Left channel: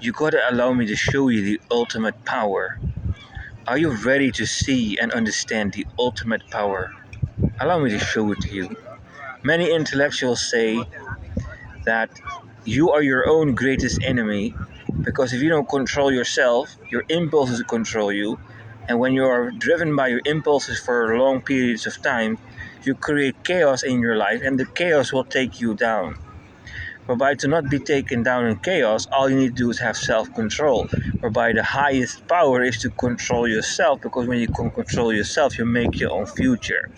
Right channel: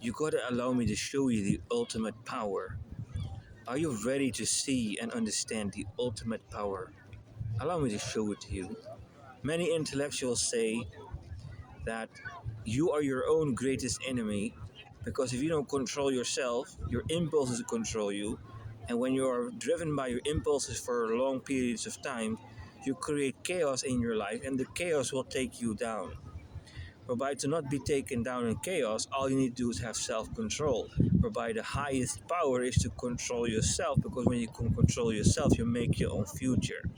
You gotta allow me to show you the ultimate power. Are you ready to see and understand the ultimate power? Allow me to show it to you. Many intellectuals say that you are your own greatest enemy because if you don't control yourself, your impulses control you. And when you are driven by your impulses for long periods of time, you create chaos in your life, and the chaos will take you down. Whereby to not be taken down in chaos, all you need to do is have self-control. Whereby the highest power is to control yourself, because when you can control yourself, you make your own future.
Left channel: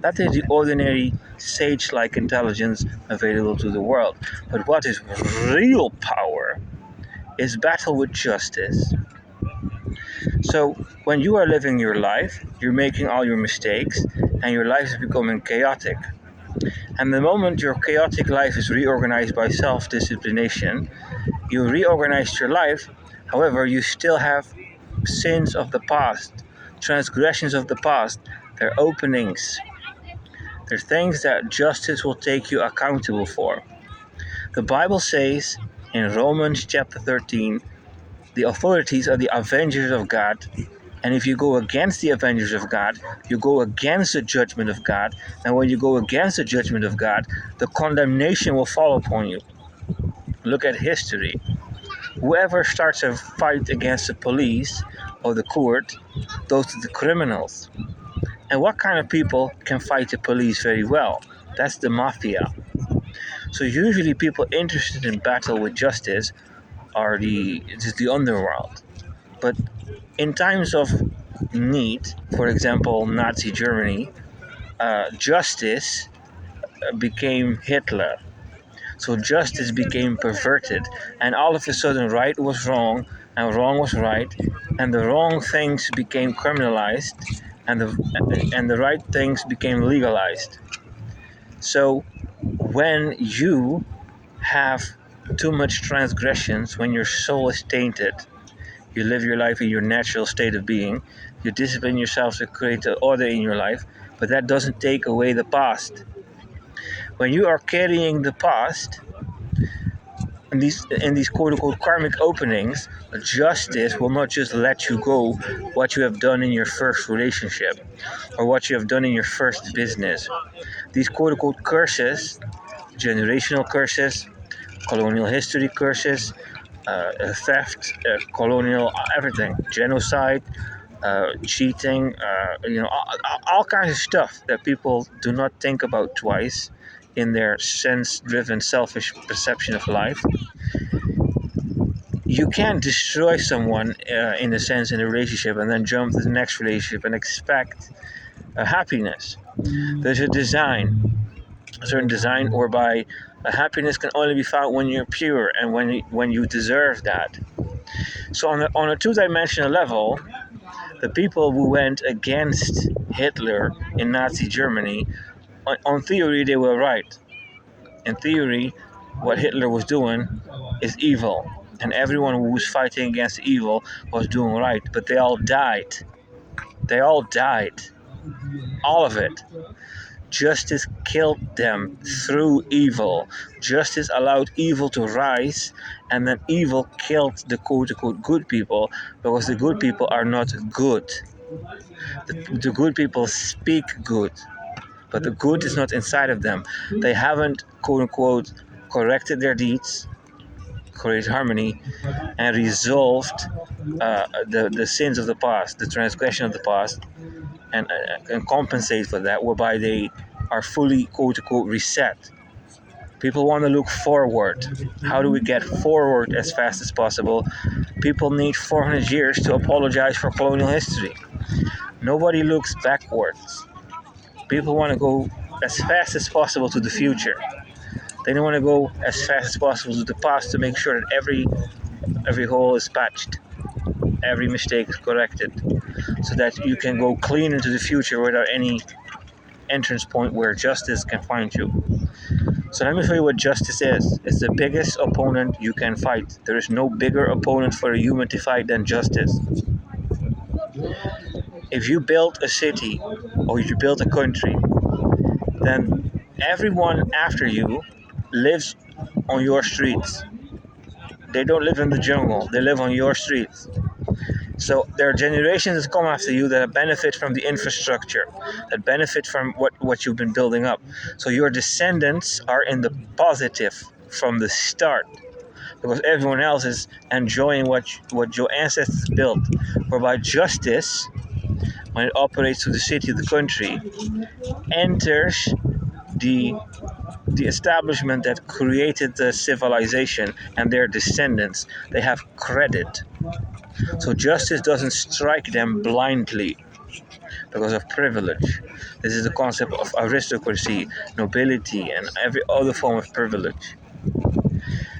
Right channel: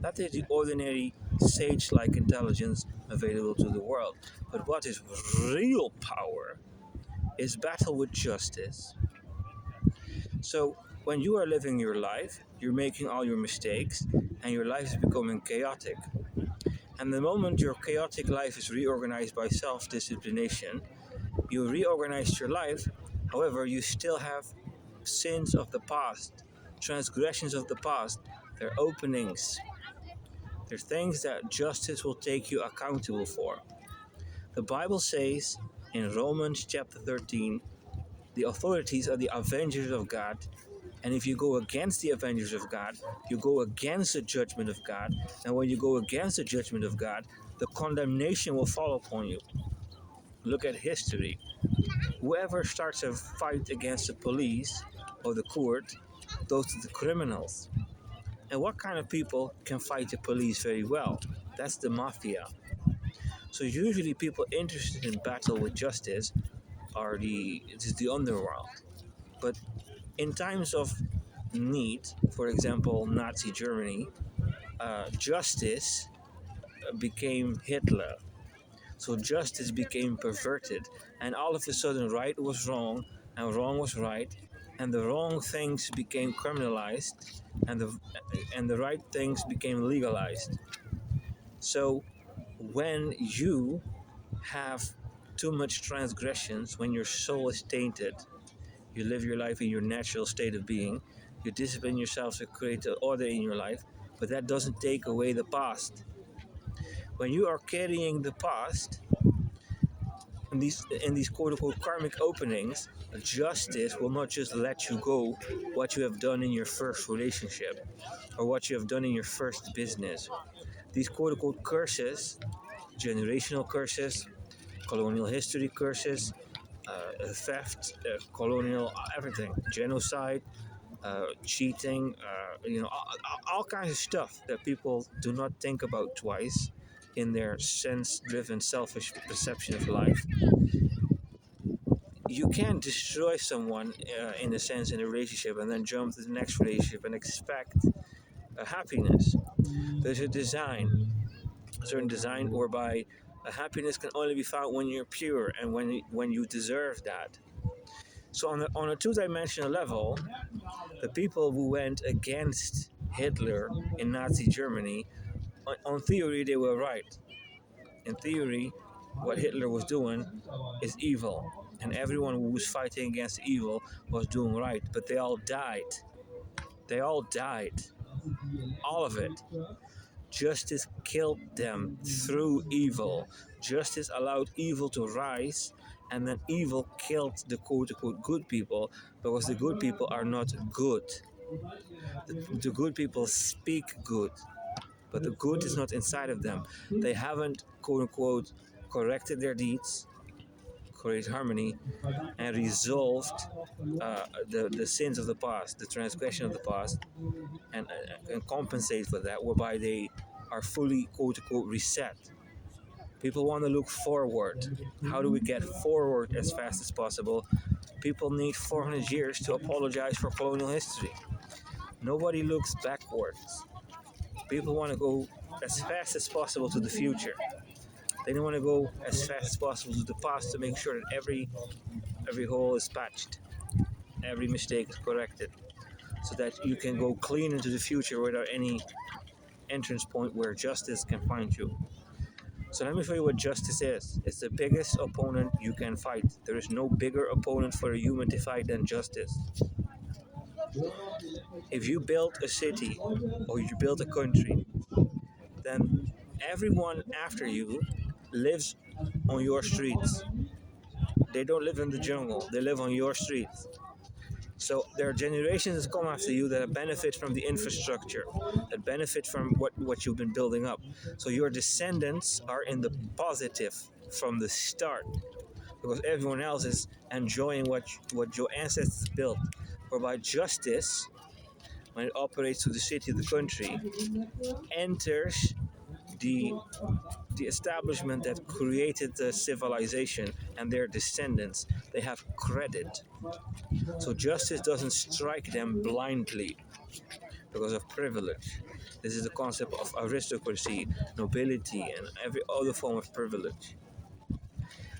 That is the ordinary sage-like intelligence available to the world. But what is real power is battle with justice. So when you are living your life, you're making all your mistakes, and your life is becoming chaotic. And the moment your chaotic life is reorganized by self-disciplination, you reorganize your life. However, you still have sins of the past, transgressions of the past. They're openings. They're things that justice will take you accountable for. The Bible says in Romans chapter 13, the authorities are the avengers of God. And if you go against the avengers of God, you go against the judgment of God. And when you go against the judgment of God, the condemnation will fall upon you. Look at history. Whoever starts a fight against the police or the court, those are the criminals. And what kind of people can fight the police very well? That's the mafia. So usually people interested in battle with justice are the underworld. But in times of need, for example, Nazi Germany, justice became Hitler. So justice became perverted, and all of a sudden, right was wrong, and wrong was right, and the wrong things became criminalized, and the right things became legalized. So when you have too much transgressions, when your soul is tainted, you live your life in your natural state of being, you discipline yourself to create an order in your life, but that doesn't take away the past. When you are carrying the past, in these quote-unquote karmic openings, justice will not just let you go what you have done in your first relationship or what you have done in your first business. These quote-unquote curses, generational curses, colonial history curses, theft, colonial everything, genocide, cheating, all kinds of stuff that people do not think about twice in their sense-driven, selfish perception of life. You can't destroy someone, in a sense, in a relationship and then jump to the next relationship and expect happiness. There's a certain design whereby happiness can only be found when you're pure and when you deserve that. So on a two-dimensional level, the people who went against Hitler in Nazi Germany, on theory, they were right. In theory, what Hitler was doing is evil, and everyone who was fighting against evil was doing right, but they all died. They all died. All of it. Justice killed them through evil. Justice allowed evil to rise, and then evil killed the quote-unquote good people, because the good people are not good. The good people speak good, but the good is not inside of them. They haven't, quote-unquote, corrected their deeds, created harmony, and resolved the sins of the past, the transgression of the past, and compensate for that, whereby they are fully, quote-unquote, reset. People want to look forward. How do we get forward as fast as possible? People need 400 years to apologize for colonial history. Nobody looks backwards. People want to go as fast as possible to the future. They don't want to go as fast as possible to the past to make sure that every hole is patched, every mistake is corrected, so that you can go clean into the future without any entrance point where justice can find you. So let me show you what justice is. It's the biggest opponent you can fight. There is no bigger opponent for a human to fight than justice. If you build a city or you build a country, then everyone after you lives on your streets. They don't live in the jungle. They live on your streets. So there are generations that come after you that benefit from the infrastructure, that benefit from what you've been building up. So your descendants are in the positive from the start, because everyone else is enjoying what your ancestors built. Whereby justice, when it operates through the city of the country, enters the the establishment that created the civilization and their descendants. They have credit. So justice doesn't strike them blindly because of privilege. This is the concept of aristocracy, nobility, and every other form of privilege.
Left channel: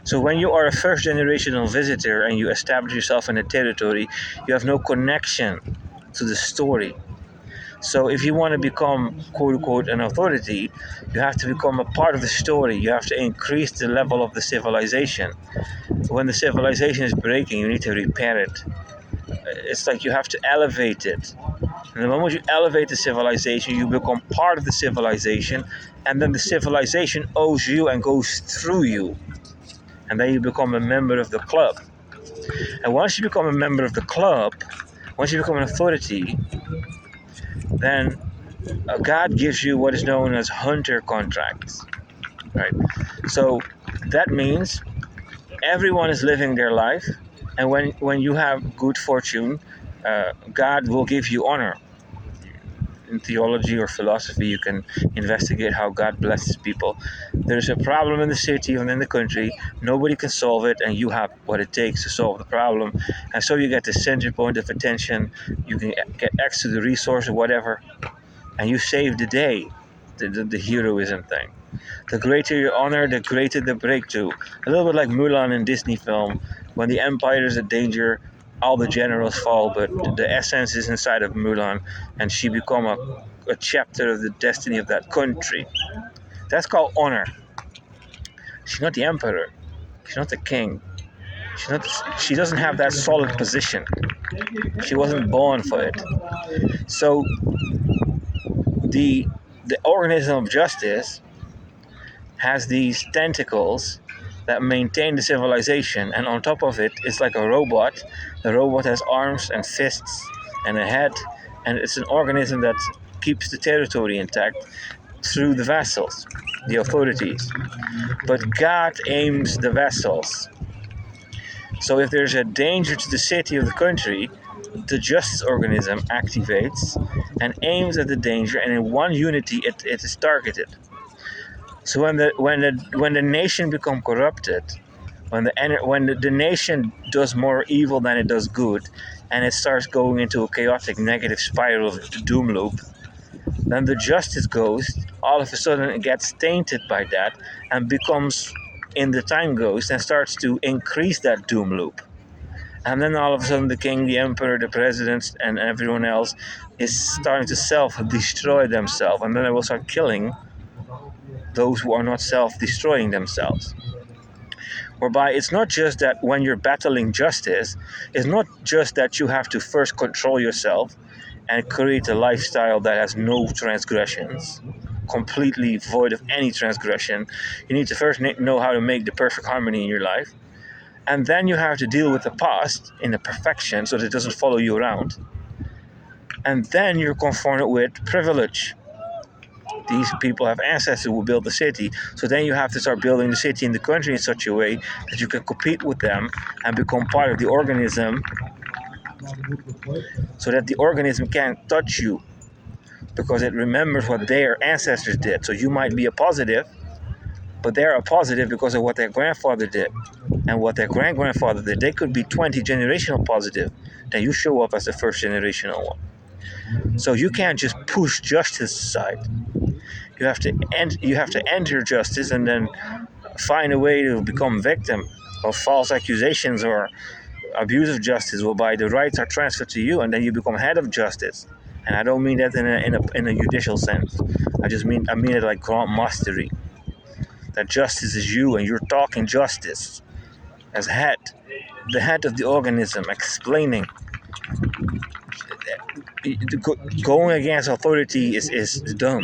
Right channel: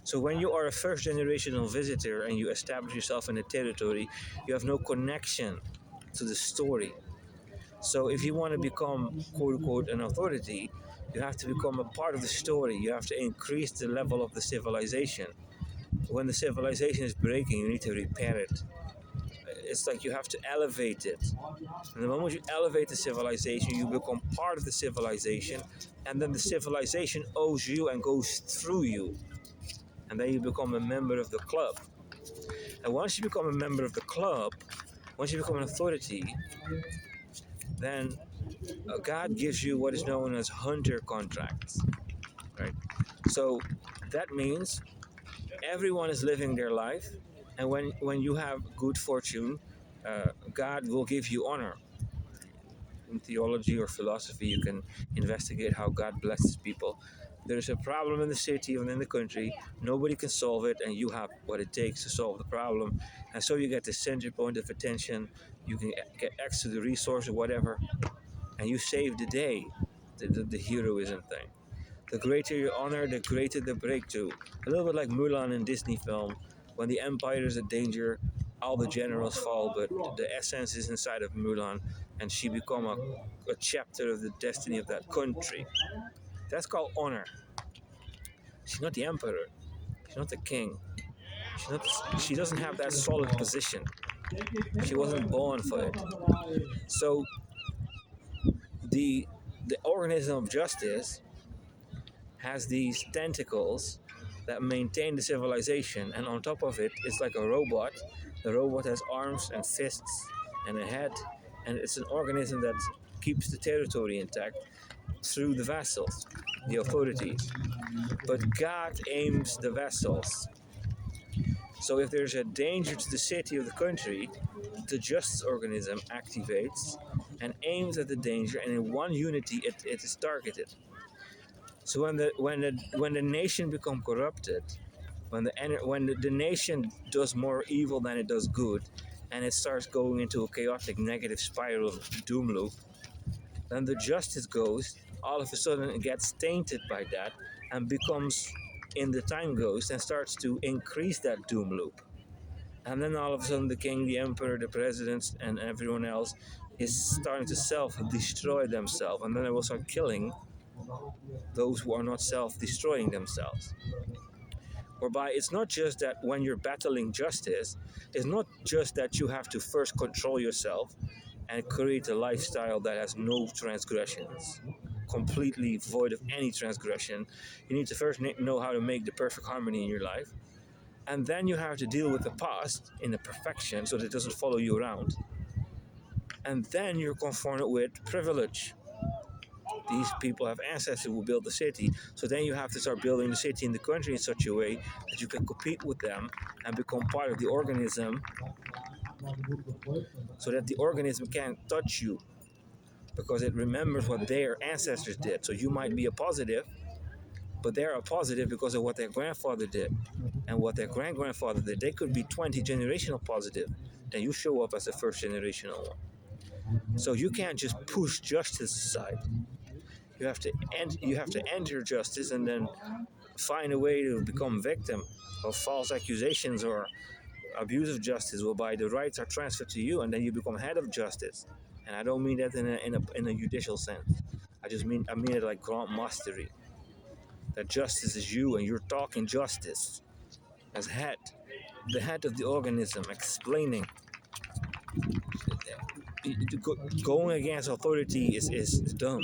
So when you are a first generational visitor and you establish yourself in a territory, you have no connection to the story. So if you want to become quote unquote an authority, you have to become a part of the story. You have to increase the level of the civilization. When the civilization is breaking, you need to repair it. It's like you have to elevate it. And the moment you elevate the civilization, you become part of the civilization, and then the civilization owes you and goes through you. And then you become a member of the club. And once you become a member of the club, once you become an authority, then God gives you what is known as hunter contracts, right? So that means everyone is living their life, and when you have good fortune, God will give you honor. In theology or philosophy, you can investigate how God blesses people. There's a problem in the city and in the country, nobody can solve it, and you have what it takes to solve the problem. And so you get the center point of attention, you can get access to the resource or whatever, and you save the day, the heroism thing. The greater your honor, the greater the breakthrough. A little bit like Mulan in Disney film, when the empire is in danger, all the generals fall, but the essence is inside of Mulan, and she become a chapter of the destiny of that country. That's called honor. She's not the emperor. She's not the king. She doesn't have that solid position. She wasn't born for it. So the organism of justice has these tentacles that maintain the civilization, and on top of it, it's like a robot. The robot has arms and fists and a head, and it's an organism that keeps the territory intact through the vassals, the authorities. But God aims the vassals. So if there's a danger to the city of the country, the justice organism activates and aims at the danger, and in one unity it is targeted. So when the nation become corrupted, when the nation does more evil than it does good, and it starts going into a chaotic negative spiral of the doom loop, then the justice ghost all of a sudden it gets tainted by that and becomes in the time ghost and starts to increase that doom loop. And then all of a sudden the king, the emperor, the presidents, and everyone else is starting to self-destroy themselves, and then they will start killing those who are not self-destroying themselves. Whereby it's not just that when you're battling justice, it's not just that you have to first control yourself and create a lifestyle that has no transgressions, completely void of any transgression. You need to first know how to make the perfect harmony in your life. And then you have to deal with the past in the perfection so that it doesn't follow you around. And then you're confronted with privilege. These people have ancestors who built the city. So then you have to start building the city in the country in such a way that you can compete with them and become part of the organism, so that the organism can't touch you because it remembers what their ancestors did. So you might be a positive, but they're a positive because of what their grandfather did and what their grand-grandfather did. They could be 20 generational positive. Then you show up as the first generational one. So you can't just push justice aside. You have to enter justice and then find a way to become victim of false accusations or abuse of justice, whereby the rights are transferred to you, and then you become head of justice. And I don't mean that in a judicial sense. I mean it like grand mastery. That justice is you, and you're talking justice as head, the head of the organism, explaining. Going against authority is dumb.